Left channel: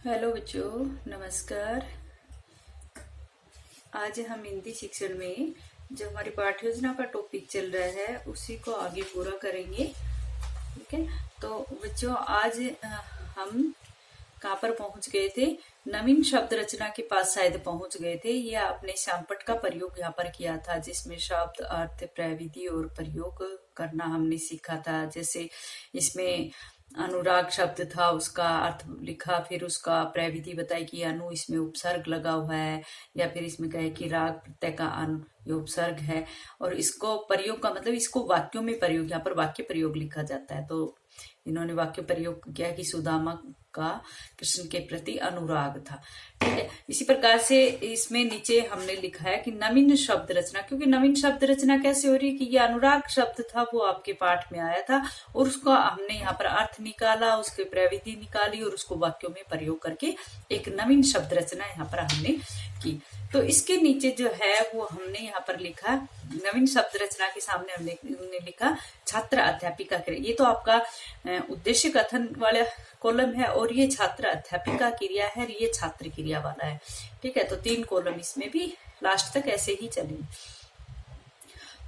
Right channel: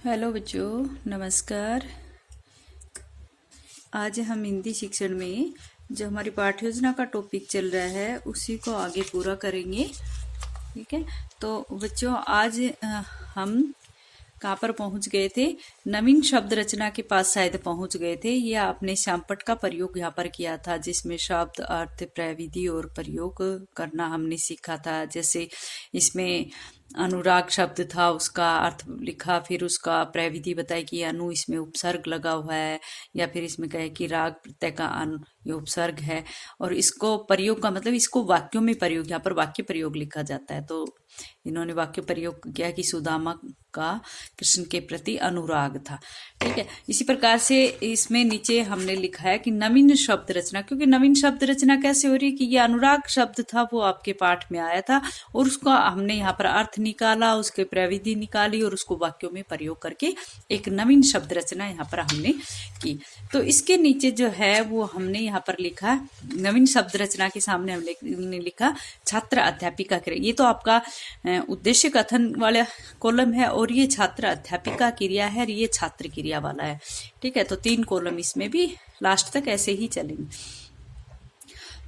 Hello बच्चों, नमस्कार। आज हम हिंदी शिक्षण में जो हमारी पाठ्य योजना का टॉपिक चल रहा है उसी को आगे पूरा करेंगे। ठीक है, तो बच्चों आज हम कहाँ पर पहुंच गए थे? नवीन शब्द रचना के पास शायद पहुंच गए थे। ये आपने श्यामपट्ट का प्रयोग यहाँ पर किया था, जिसमें शब्द, अर्थ, प्रविधि और प्रयोग करना हमने सीखा था। जैसे इसमें अनुराग शब्द था, उसका अर्थ लिखा, फिर उसका प्रविधि बताई कि अनु इसमें उपसर्ग लगा हुआ है, या फिर इसमें कहे कि राग प्रत्यय का अनु ये उपसर्ग है। और इसको प्रयोग का मतलब इसको वाक्यों में प्रयोग, यहाँ पर वाक्य प्रयोग लिखा जाता है। तो इन्होंने वाक्य प्रयोग किया कि सुदामा का कृष्ण के प्रति अनुराग था। ठीक है, इसी प्रकार से इसमें नीचे हमने लिखा है कि नवीन शब्द रचना, क्योंकि नवीन शब्द रचना कैसे हो रही है कि ये अनुराग शब्द था, वो आपके पाठ में आया था और उसका हमने यहाँ पर अर्थ निकाला, उसके प्रविधि निकाली और उसको वाक्यों में प्रयोग करके एक नवीन शब्द रचना यहाँ पर हमने की। तो इसके नीचे जो है वो हमने यहाँ पर लिखा, नवीन शब्द रचना के सामने हमने लिखा छात्र अध्यापिका क्रिया। ये तो आपका उद्देश्य कथन वाला कॉलम है और ये छात्र अध्यापिका क्रिया है और ये छात्र क्रिया वाला है। ठीक है, तो 3 कॉलम इसमें भी लास्ट तक ऐसे ही चलेंगे।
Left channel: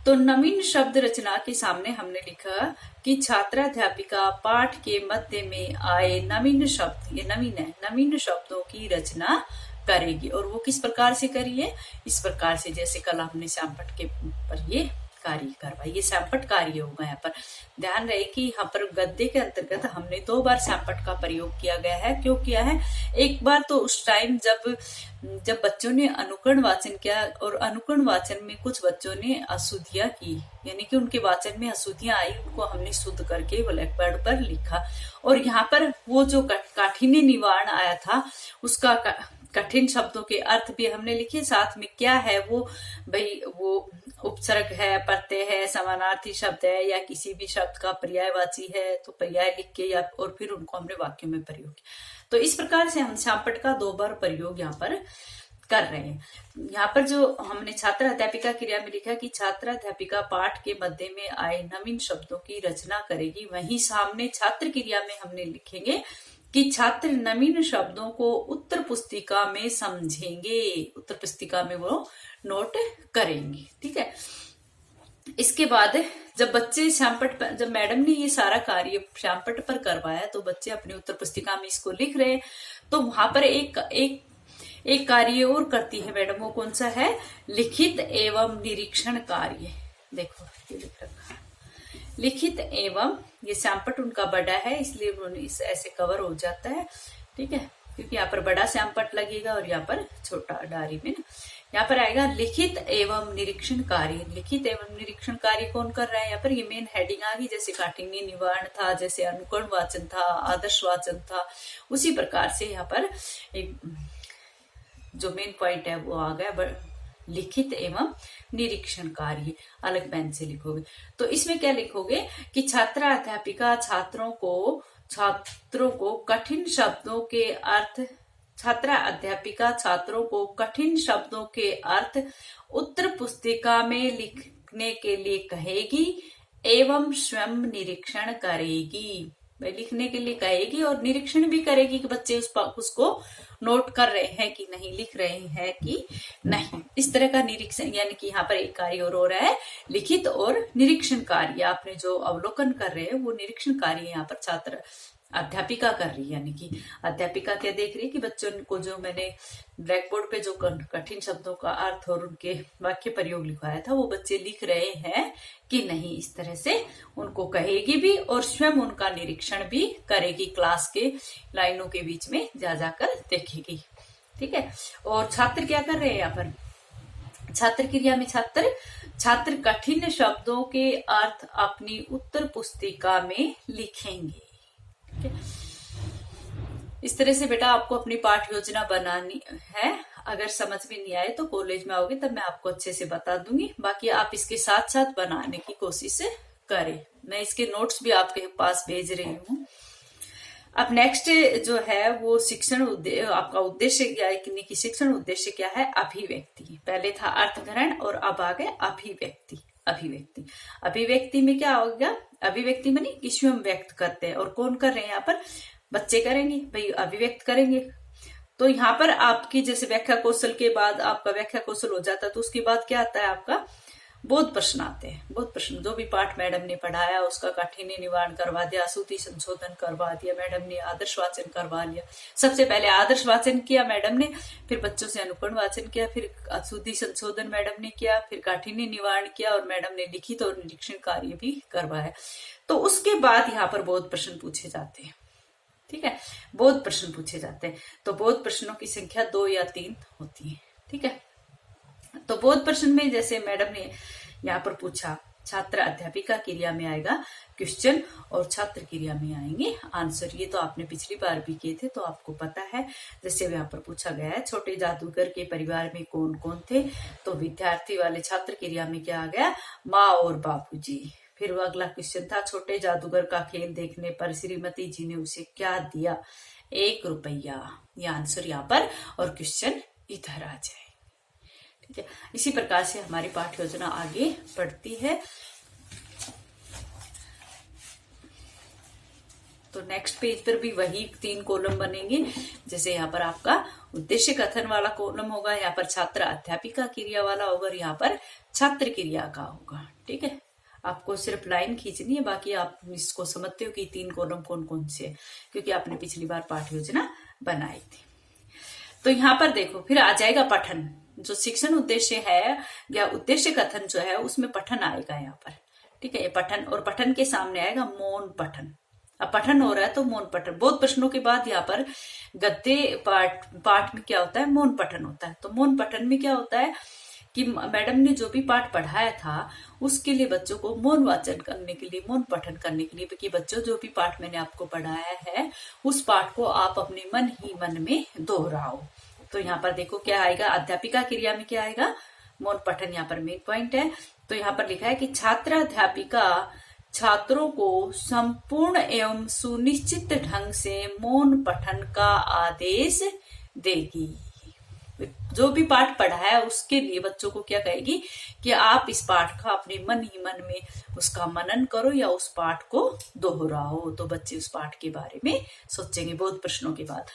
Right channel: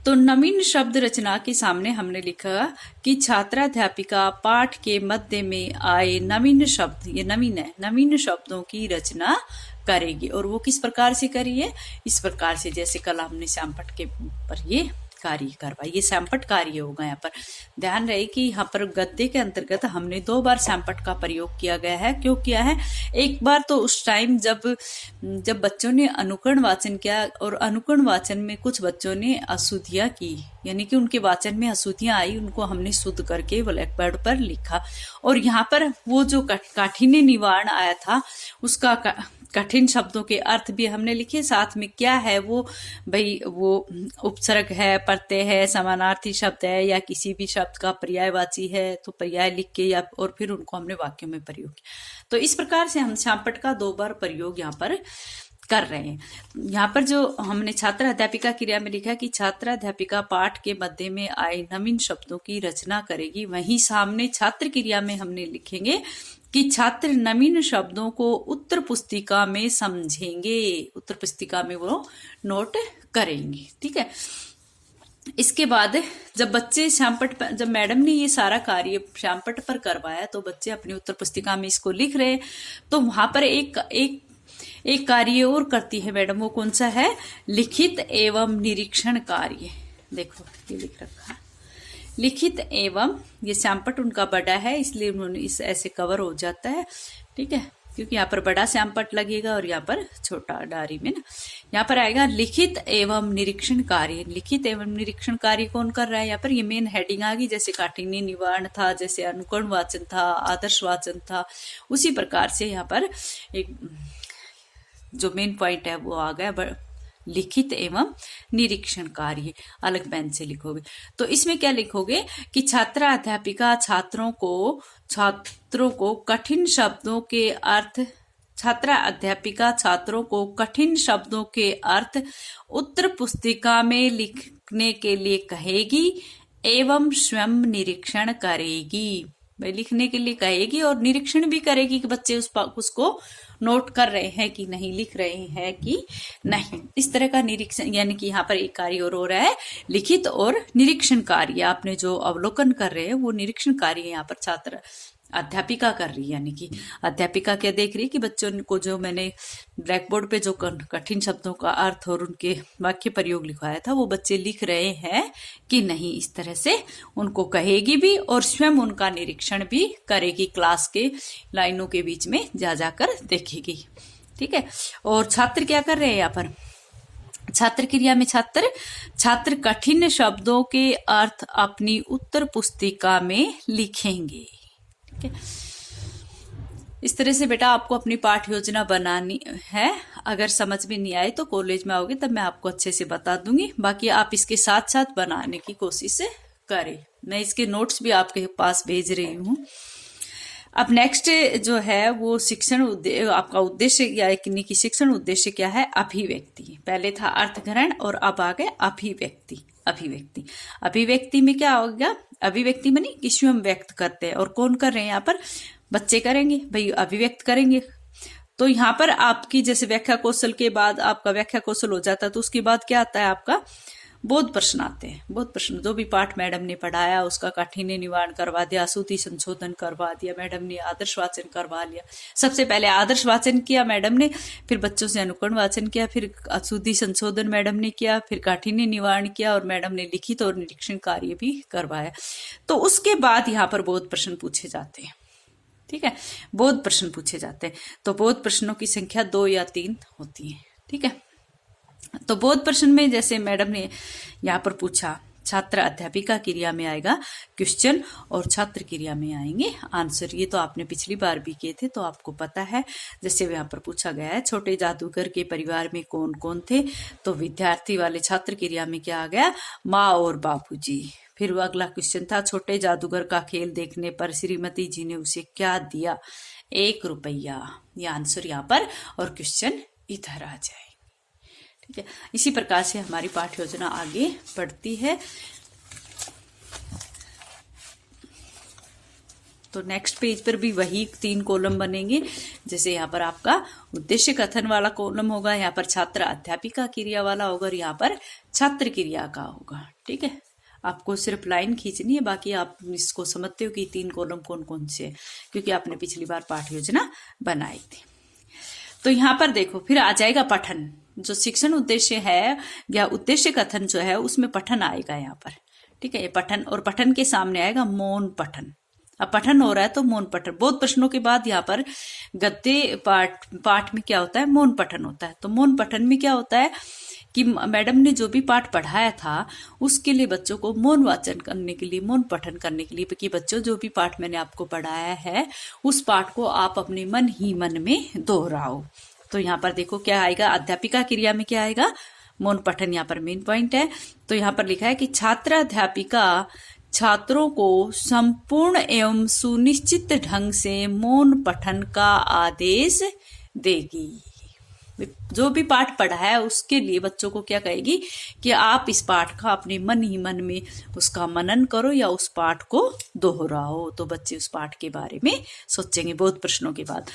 तो नवीन शब्द रचना के सामने हमने लिखा कि छात्राध्यापिका पाठ के मध्य में आए नवीन शब्द, ये नवीन है, नवीन शब्दों की रचना करेगी। और वो किस प्रकार से करिए? इस प्रकार से जैसे कल हमने श्यामपट्ट के ऊपर ये कार्य करवाई। ये श्यामपट्ट कार्य होगा। यहाँ पर ध्यान रहे कि यहाँ पर गद्य के अंतर्गत हमने 2 बार श्यामपट्ट का प्रयोग किया गया है। क्यों किया है? एक बार तो उस टाइम जब बच्चों ने अनुकरण वाचन किया और अनुकरण वाचन में कुछ बच्चों ने अशुद्धियां की, यानी कि उनके वाचन में अशुद्धियां आई, उनको हमने शुद्ध करके ब्लैक बोर्ड पर लिखा। और यहाँ पर वो जो काठिन्य निवारण आया था उसका कठिन शब्दों के अर्थ भी हमने लिखे। साथ में क्या है वो, भाई वो उपसर्ग है, प्रत्यय है, समानार्थी शब्द है या किसी भी शब्द का पर्यायवाची है, तो पर्याय लिख के या और फिर उनको हमने वाक्यों में प्रयोग किया। तो इस प्रकार से हम श्यामपट्ट का 2 बार प्रयोग यहाँ पर कर रहे हैं। यहाँ पर जो हमने छात्र अध्यापिका क्रिया में लिखा कि छात्र अध्यापिका पाठ के मध्य में आए नवीन शब्दों की रचना करेगी, वहीं सामने छात्र क्रिया में हमने लिखेंगे कि छात्र नवीन शब्दों को उत्तर पुस्तिका में समझेंगे, उत्तर पुस्तिका में वो नोट करेंगे। ठीक है, इसके बाद जब बच्चे श्यामपट्ट, जब मैडम ने ये सारा कार्य श्यामपट्ट पर करवाया तो बच्चे अपनी उत्तर पुस्तिका में इसको लिख रहे हैं। तो वहां पर एक कार्य और करती है मैडम, वो कौन सा है? लिखित एवं निरीक्षण कार्य। देखो ये लिख रखा है, लिखित एवं, ये श्यामपट्ट उनका बड़ा है इसलिए उन्होंने इस ऐसे कवर हो जाता है। ठीक है, क्योंकि यहाँ पर बड़ा श्यामपट्ट लगेगा और यहाँ पर छोटा डायरी में ना, यहाँ पर आएगा लिखित एवं निरीक्षण कार्य। लिखित एवं निरीक्षण कार्य कौन कर रहा है? यहाँ पर ये मेन हेडिंग आ गई। जैसे काठिन्य निवारण था, जैसे अनुकरण वाचन था, आदर्श वाचन था, उसी प्रकार से यहाँ पर एक जो मेन पॉइंट है वो आ गया, लिखित एवं निरीक्षण कार्य। अलग पेन से लिखोगे तो इसमें क्या लिखोगे कि छात्रा अध्यापिका छात्रों को कठिन शब्दों के अर्थ, छात्रा अध्यापिका छात्रों को कठिन शब्दों के अर्थ उत्तर पुस्तिका में लिखने के लिए कहेगी एवं स्वयं निरीक्षण करेगी। भाई लिखने के लिए कहेगी और निरीक्षण भी करेगी कि बच्चे उसको नोट कर रहे हैं कि नहीं, लिख रहे हैं कि नहीं। इस तरह का निरीक्षण, यानी कि यहाँ पर एक कार्य और हो रहा है, लिखित और निरीक्षण कार्य। आपने जो अवलोकन कर रहे हैं वो निरीक्षण कार्य यहाँ पर छात्र अध्यापिका कर रही है। यानी कि अध्यापिका क्या देख रही है कि बच्चों को जो मैंने ब्लैक बोर्ड पे जो कठिन शब्दों का अर्थ और उनके वाक्य प्रयोग लिखवाया था वो बच्चे लिख रहे हैं कि नहीं। इस तरह से उनको कहेगी भी और स्वयं उनका निरीक्षण भी करेगी, क्लास के लाइनों के बीच में जा जाकर देखेगी। ठीक है, और छात्र क्या कर रहे हैं यहाँ पर? छात्र क्रिया में छात्र कठिन शब्दों के अर्थ अपनी उत्तर पुस्तिका में लिखेंगे। इस तरह से बेटा आपको अपनी पाठ्य योजना बनानी है। अगर समझ में नहीं आए तो कॉलेज में आओगे तब मैं आपको अच्छे से बता दूंगी। बाकी आप इसके साथ साथ बनाने की कोशिश करें। मैं इसके नोट्स भी आपके पास भेज रही हूँ। अब नेक्स्ट जो है वो शिक्षण आपका उद्देश्य यानी कि शिक्षण उद्देश्य क्या है? अभिव्यक्ति। पहले था अर्थग्रहण और अब आ गए अभिव्यक्ति। अभिव्यक्ति में क्या हो गया? अभिव्यक्ति मानी कि स्वयं व्यक्त करते हैं। और कौन कर रहे हैं यहाँ पर? बच्चे करेंगे भाई, अभिव्यक्त करेंगे। तो यहाँ पर आपकी जैसे व्याख्या कौशल के बाद आपका व्याख्या कौशल हो जाता है, तो उसके बाद क्या आता है आपका बोध प्रश्न आते हैं। बोध प्रश्न, जो भी पाठ मैडम ने पढ़ाया उसका काठिन्य निवारण करवा दिया, श्रुति संशोधन करवा दिया मैडम ने, आदर्श वाचन करवा लिया। सबसे पहले आदर्श वाचन किया मैडम ने, फिर बच्चों से अनुकरण वाचन किया, फिर श्रुति संशोधन मैडम ने किया, फिर काठिन्य निवारण किया, और मैडम ने लिखित और निरीक्षण कार्य भी करवाया। तो उसके बाद यहाँ पर बोध प्रश्न पूछे जाते हैं। ठीक है, बोध प्रश्न पूछे जाते हैं। तो बोध प्रश्नों की संख्या 2 या 3 होती है। ठीक है, तो बोध प्रश्न में जैसे मैडम ने यहाँ पर पूछा, छात्र अध्यापिका क्रिया में आएगा क्वेश्चन और छात्र क्रिया में आएंगे आंसर। ये तो आपने पिछली बार भी किए थे, तो आपको पता है। जैसे यहाँ पर पूछा गया है, छोटे जादूगर के परिवार में कौन कौन थे, तो विद्यार्थी वाले छात्र क्रिया में क्या आ गया, माँ और बापूजी। फिर वो अगला क्वेश्चन था, छोटे जादूगर का खेल देखने पर श्रीमती जी ने उसे क्या दिया, 1 रुपया। ये आंसर यहाँ पर, और क्वेश्चन इधर आ जाए। ठीक है, इसी प्रकार से हमारी पाठ्य योजना आगे बढ़ती है। तो नेक्स्ट पेज पर भी वही 3 कॉलम बनेंगे। जैसे यहाँ पर आपका उद्देश्य कथन वाला कॉलम होगा, यहाँ पर छात्र अध्यापिका क्रिया वाला होगा, और यहाँ पर छात्र क्रिया का होगा। ठीक है, आपको सिर्फ लाइन खींचनी है, बाकी आप इसको समझते हो कि 3 कॉलम कौन कौन से, क्योंकि आपने पिछली बार पाठ्य योजना बनाई थी। तो यहाँ पर देखो, फिर आ जाएगा पठन। जो शिक्षण उद्देश्य है या उद्देश्य कथन जो है, उसमें पठन आएगा यहाँ पर। ठीक है, ये पठन, और पठन के सामने आएगा मौन पठन। अब पठन हो रहा है तो मौन पठन। बोध प्रश्नों के बाद यहाँ पर गद्य पाठ में क्या होता है, मौन पठन होता है। तो मौन पठन में क्या होता है कि मैडम ने जो भी पाठ पढ़ाया था उसके लिए बच्चों को मौन वाचन करने के लिए, मौन पठन करने के लिए, कि बच्चों जो भी पाठ मैंने आपको पढ़ाया है उस पाठ को आप अपने मन ही मन में दोहराओ। तो यहाँ पर देखो क्या आएगा, अध्यापिका क्रिया में क्या आएगा, मौन पठन यहाँ पर मेन पॉइंट है। तो यहाँ पर लिखा है कि छात्र अध्यापिका छात्रों को संपूर्ण एवं सुनिश्चित ढंग से मौन पठन का आदेश देगी। जो भी पाठ पढ़ा है उसके लिए बच्चों को क्या कहेगी कि आप इस पाठ का अपने मन ही मन में उसका मनन करो या उस पाठ को दोहराओ। तो बच्चे उस पाठ के बारे में सोचेंगे बोध प्रश्नों के बाद।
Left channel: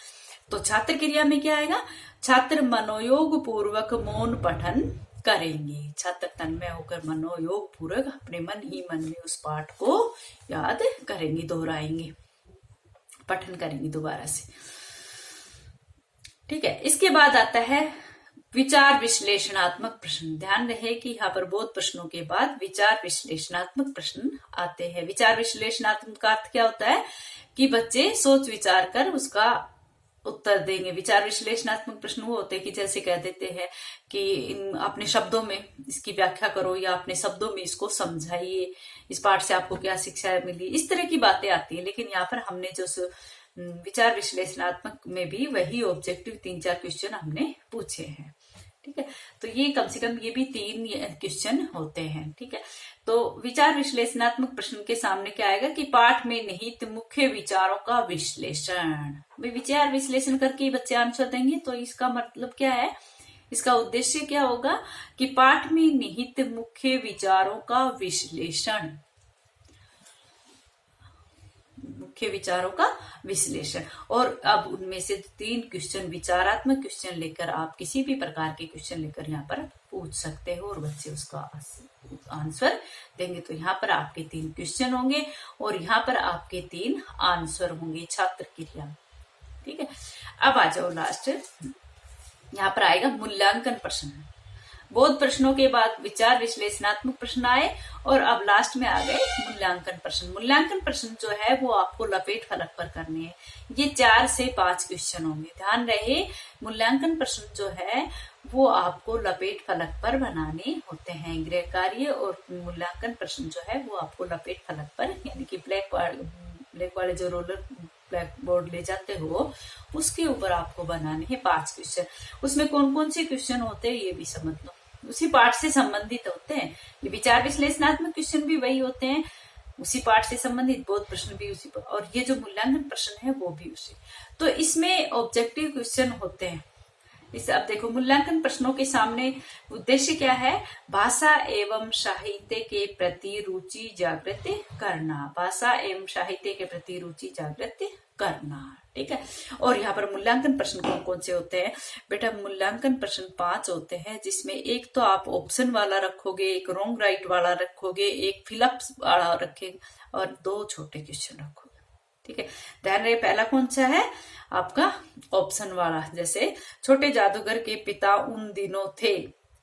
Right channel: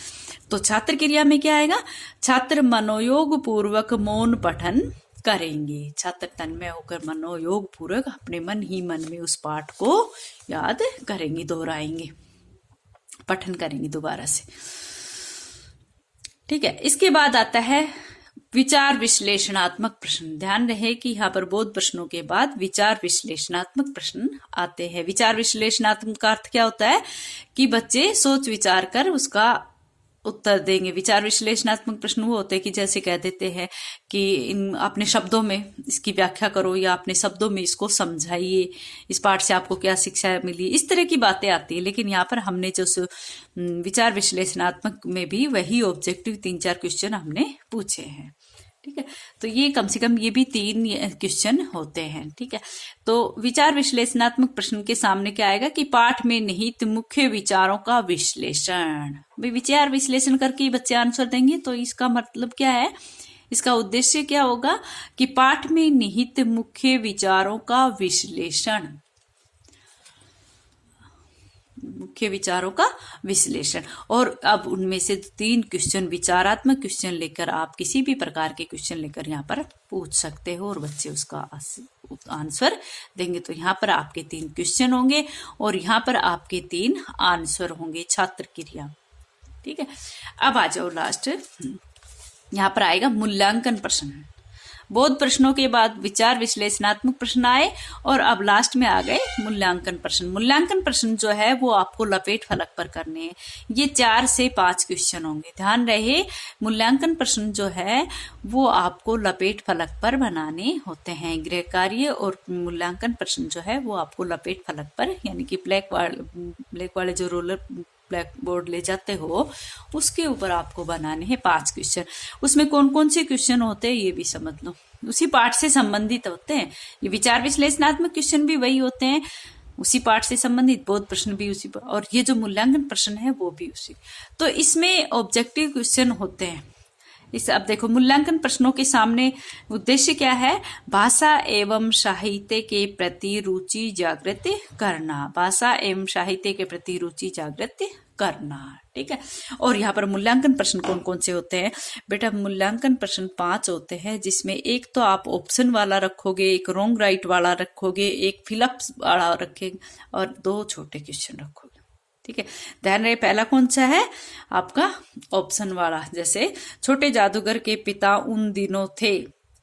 तो छात्र क्रिया में क्या आएगा, छात्र मनोयोग पूर्वक मौन पठन करेंगे। छात्र तन्मय होकर मनोयोग पूर्वक अपने मन ही मन में उस पाठ को याद करेंगे, दोहराएंगे, पठन करेंगे दोबारा से। ठीक है, इसके बाद आता है विचार विश्लेषणात्मक प्रश्न। ध्यान रहे कि यहाँ पर बोध प्रश्नों के बाद विचार विश्लेषणात्मक प्रश्न आते हैं। विचार विश्लेषणात्मक का अर्थ क्या होता है कि बच्चे सोच विचार कर उसका उत्तर देंगे। विचार विश्लेषणात्मक प्रश्न वो होते हैं कि जैसे कह देते हैं कि अपने शब्दों में इसकी व्याख्या करो या अपने शब्दों में इसको समझाइए, इस पाठ से आपको क्या शिक्षा मिली, इस तरह की बातें आती है। लेकिन यहाँ पर हमने जो विचार विश्लेषणात्मक में भी वही ऑब्जेक्टिव 3-4 क्वेश्चन हमने पूछे हैं। ठीक है, तो ये कम से कम ये भी 3 क्वेश्चन होते हैं। ठीक है, तो विचार विश्लेषणात्मक प्रश्न के सामने क्या आएगा कि पाठ में निहित मुख्य विचारों का विश्लेषण। विचार विश्लेषण करके बच्चे आंसर देंगे। तो इसका मतलब क्या है, इसका उद्देश्य क्या होगा कि पाठ में निहित मुख्य विचारों का विश्लेषण, मुख्य विचारों का विश्लेषण। और अब उनमें से 3 क्वेश्चन विचारात्मक क्वेश्चन लेकर आप किसी भी प्रकार के क्वेश्चन लेकर यहाँ पर पूछ सकते हो और बच्चे उसका आंसर देंगे। तो यहाँ पर आपके 3 क्वेश्चन होंगे और यहाँ पर आपके 3 आंसर होंगे छात्र क्रिया। ठीक है, अब आ जाओ लास्ट, यहाँ पर आएगा मूल्यांकन प्रश्न। बोध प्रश्नों के बाद विचार विश्लेषणात्मक प्रश्न आए और अब लास्ट में आ गए मूल्यांकन प्रश्न। मूल्यांकन प्रश्न जो है वो आपको लपेट फलक पर करने हैं। ये 4 से 5 क्वेश्चन होंगे। ध्यान रहे, मूल्यांकन प्रश्न जो है वो आपको लपेट फलक पर बनाने होते हैं। गृह कार्य और मूल्यांकन प्रश्न जो है वो आपको लपेट फलक पर, यानी कि ब्लैक वाले जो रोलर ब्लैक बोर्ड ले जाते हो उसके ऊपर आपको बनाने हैं 5 क्वेश्चन। उसमें कौन कौन से क्वेश्चन होते हैं ये भी समझ लो, उसी पाठ से संबंधित होते हैं। ये विचार विश्लेषणात्मक क्वेश्चन भी वही होते हैं, उसी पाठ से संबंधित, बोध प्रश्न भी उसी पर, और ये जो मूल्यांकन प्रश्न है वो भी उसी। तो इसमें ऑब्जेक्टिव क्वेश्चन होते हैं। इस अब देखो मूल्यांकन प्रश्नों के सामने उद्देश्य क्या है, भाषा एवं साहित्य के प्रति रुचि जागृत करना। भाषा एवं साहित्य के प्रति रुचि जागृत करना। ठीक है, और यहाँ पर मूल्यांकन प्रश्न कौन कौन से होते हैं बेटा? मूल्यांकन प्रश्न 5 होते हैं, जिसमें एक तो आप ऑप्शन वाला रखोगे, एक रॉन्ग राइट वाला रखोगे, एक फिलअप वाला रखेंगे और 2 छोटे क्वेश्चन रखोगे। ठीक है, ध्यान रहे पहला कौन सा है आपका? ऑप्शन वाला। जैसे छोटे जादूगर के पिता उन दिनों थे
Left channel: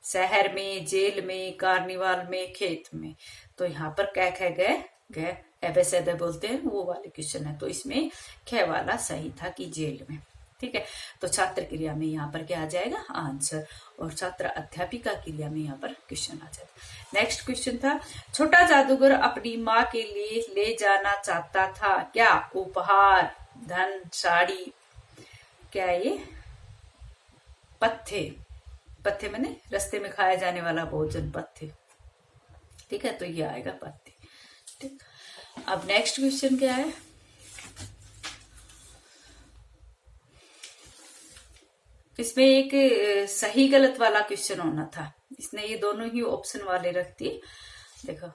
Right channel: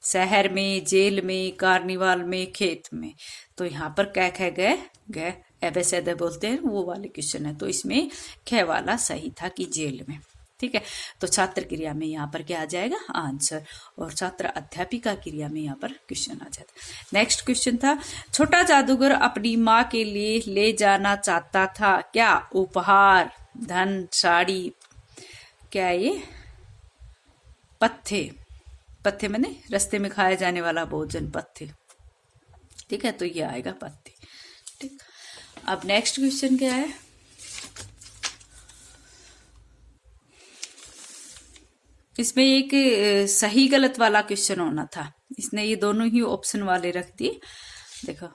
शहर में, जेल में, कार्निवाल में, खेत में। तो यहाँ पर क्या कह गए गए एबेसेदे बोलते हैं, वो वाले क्वेश्चन है। तो इसमें ख वाला सही था कि जेल में। ठीक है, तो छात्र क्रिया में यहाँ पर क्या आ जाएगा? आंसर। और छात्र अध्यापिका क्रिया में यहाँ पर क्वेश्चन आ जाता। नेक्स्ट क्वेश्चन था, छोटा जादूगर अपनी माँ के लिए ले जाना चाहता था क्या? उपहार, धन, साड़ी, क्या ये? पत्थे। पत्थे मैंने रास्ते में खाया जाने वाला भोजन, पत्थे। ठीक है, तो ये आएगा पत्थे। ठीक, अब नेक्स्ट क्वेश्चन क्या है? इसमें एक सही गलत वाला क्वेश्चन होना था, इसने ये दोनों ही ऑप्शन वाले रख दिए। देखो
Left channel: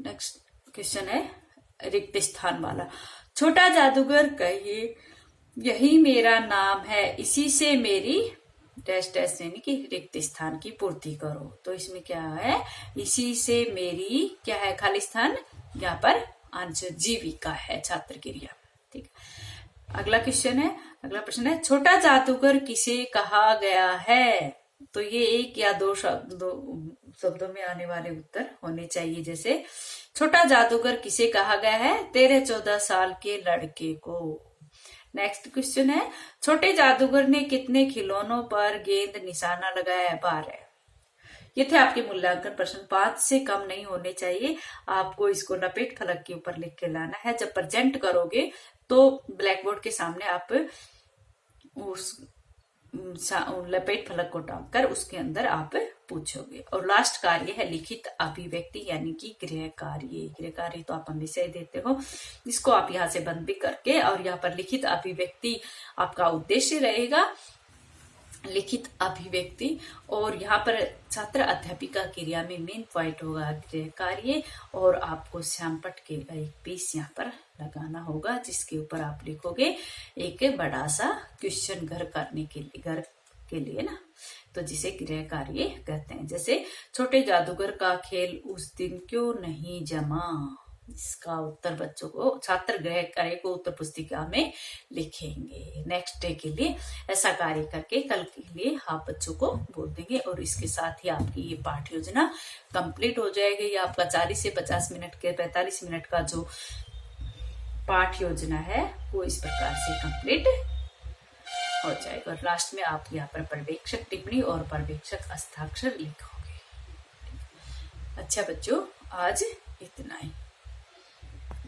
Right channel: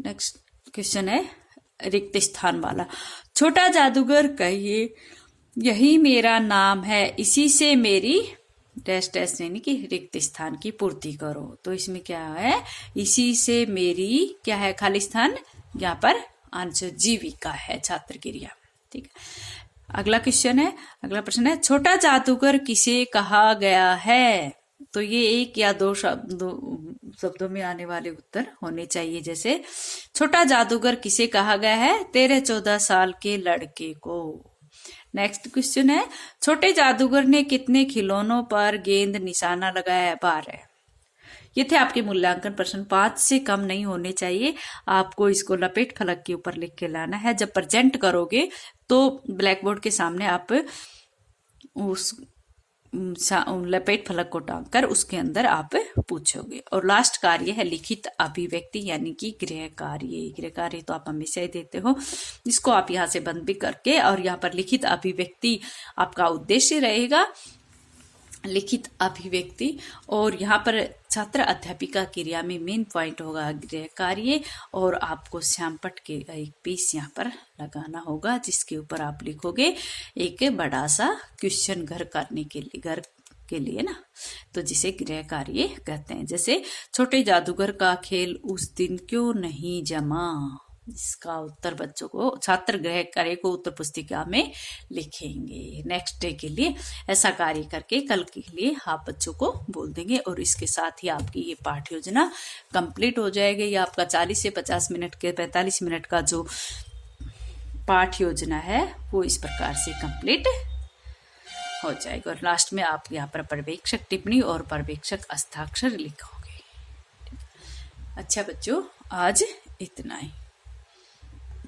नेक्स्ट क्वेश्चन है रिक्त स्थान वाला। छोटा जादूगर कहिए यही मेरा नाम है, इसी से मेरी डैश डैश यानी कि रिक्त स्थान की पूर्ति करो। तो इसमें क्या है? इसी से मेरी क्या है? खाली स्थान। यहाँ पर आंसर जीविका है छात्र क्रिया। ठीक है, अगला क्वेश्चन है, अगला प्रश्न है, छोटा जादूगर किसे कहा गया है? तो ये एक या दो शब्दों में आने वाले उत्तर होने चाहिए। जैसे छोटा जादूगर किसे कहा गया है? 13-14 साल के लड़के को। नेक्स्ट क्वेश्चन है, छोटे जादूगर ने कितने खिलौनों पर गेंद निशाना लगाया है? 12। ये थे आपके मूल्यांकन प्रश्न। 5 से कम नहीं होने चाहिए। आपको इसको लपेट फलक के ऊपर लिख के लाना है। जब प्रेजेंट करोगे तो ब्लैक बोर्ड के सामने आप उस लपेट फलक को टांग कर उसके अंदर आप पूछोगे। और लास्ट कार्य है लिखित अभिव्यक्ति यानी कि गृह कार्य। गृह कार्य तो आप हमेशा ही देते हो, इसको आप यहाँ से बंद भी करके, और यहाँ पर लिखित अभिव्यक्ति आपका उद्देश्य रहेगा, लिखित अभिव्यक्ति। और यहाँ पर छात्र अध्यापिका क्रिया में मेन पॉइंट होगा गृह कार्य, और आपको श्यामपट के एक पीस यहाँ पर लगाना होगा, जिसके ऊपर आप लिखोगे एक बड़ा सा क्वेश्चन घर करने के लिए, घर के लिए ना, तो जिसे गृह कार्य कहते हैं। जैसे छोटे जादूगर का खेल उस दिन क्यों नहीं जमा? इसका उत्तर बच्चों को, छात्र गृह कार्य को उत्तर पुस्तिका में लिखेंगे। नेक्स्ट डे के लिए ऐसा कार्य करके कल के लिए आप बच्चों को बोल देंगे। और इसके साथ ही आपकी ये पाठ योजना कंप्लीट हो जाएगी। ये आपका 40 से 50 मिनट के 45 मिनट का जो पाठ योजना है वो इस प्रकार से कंप्लीट हो जाएगा। और लास्ट में आप यहाँ पर पर्यवेक्षक टिप्पणी और पर्यवेक्षक हस्ताक्षर लिखोगे। अच्छा बच्चों, आज इतना ही।